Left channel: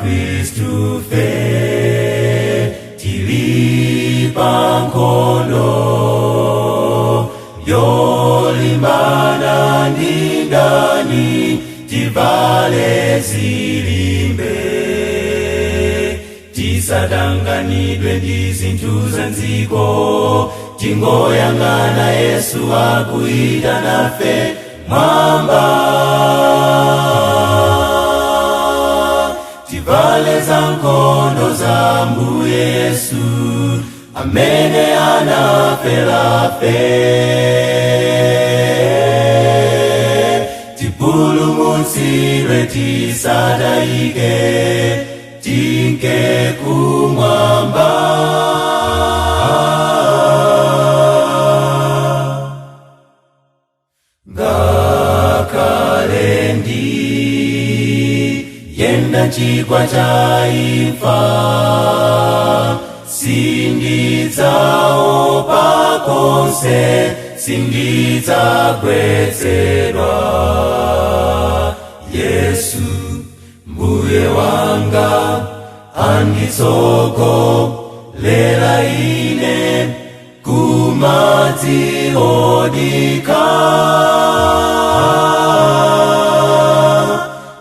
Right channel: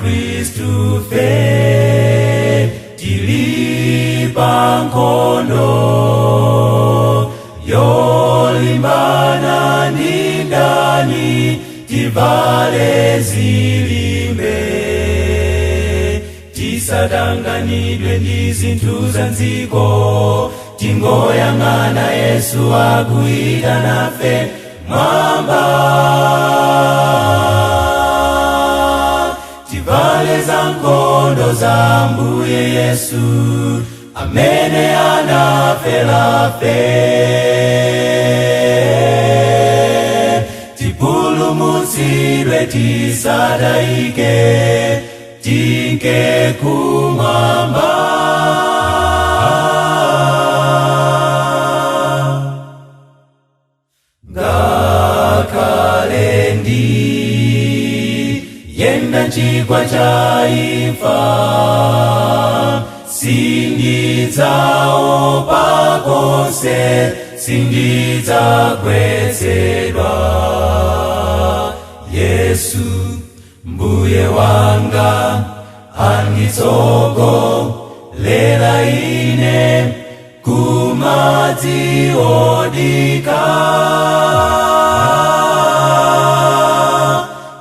Kristu fe tilipa nkhondo yolimbana ndi ndani, tivale zilimbe tisatanganidwe ndi zinthu za dziko, tingoyang'ana Yesu akuyita nafe mwamba. Tivale za nkhondo za Ambuye Yesu amene anafera fe, tipulumutsidwe tisadayike, tinke kumwamba. Ngakhale yenda chigwa cha imfa, sindidzaopa konse, sindidzagwetsedwa. Yesu mbuye wanga anditsogolera ine kumadzi odika,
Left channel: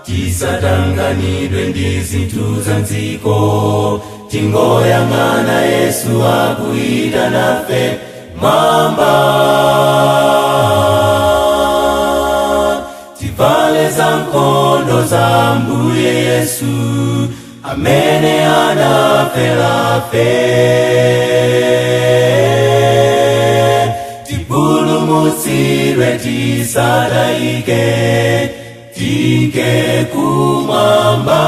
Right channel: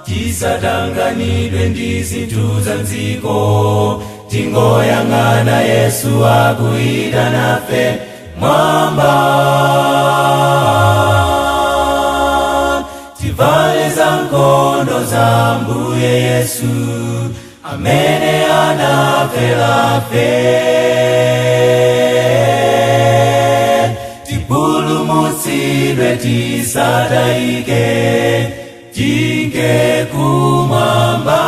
tisatanganidwe ndi zinthu za dziko, tingoyang'ana Yesu akuyita nafe mwamba. Tivale za nkhondo za Ambuye Yesu amene anafera fe, tipulumutsidwe tisadayike, tinke kumwamba.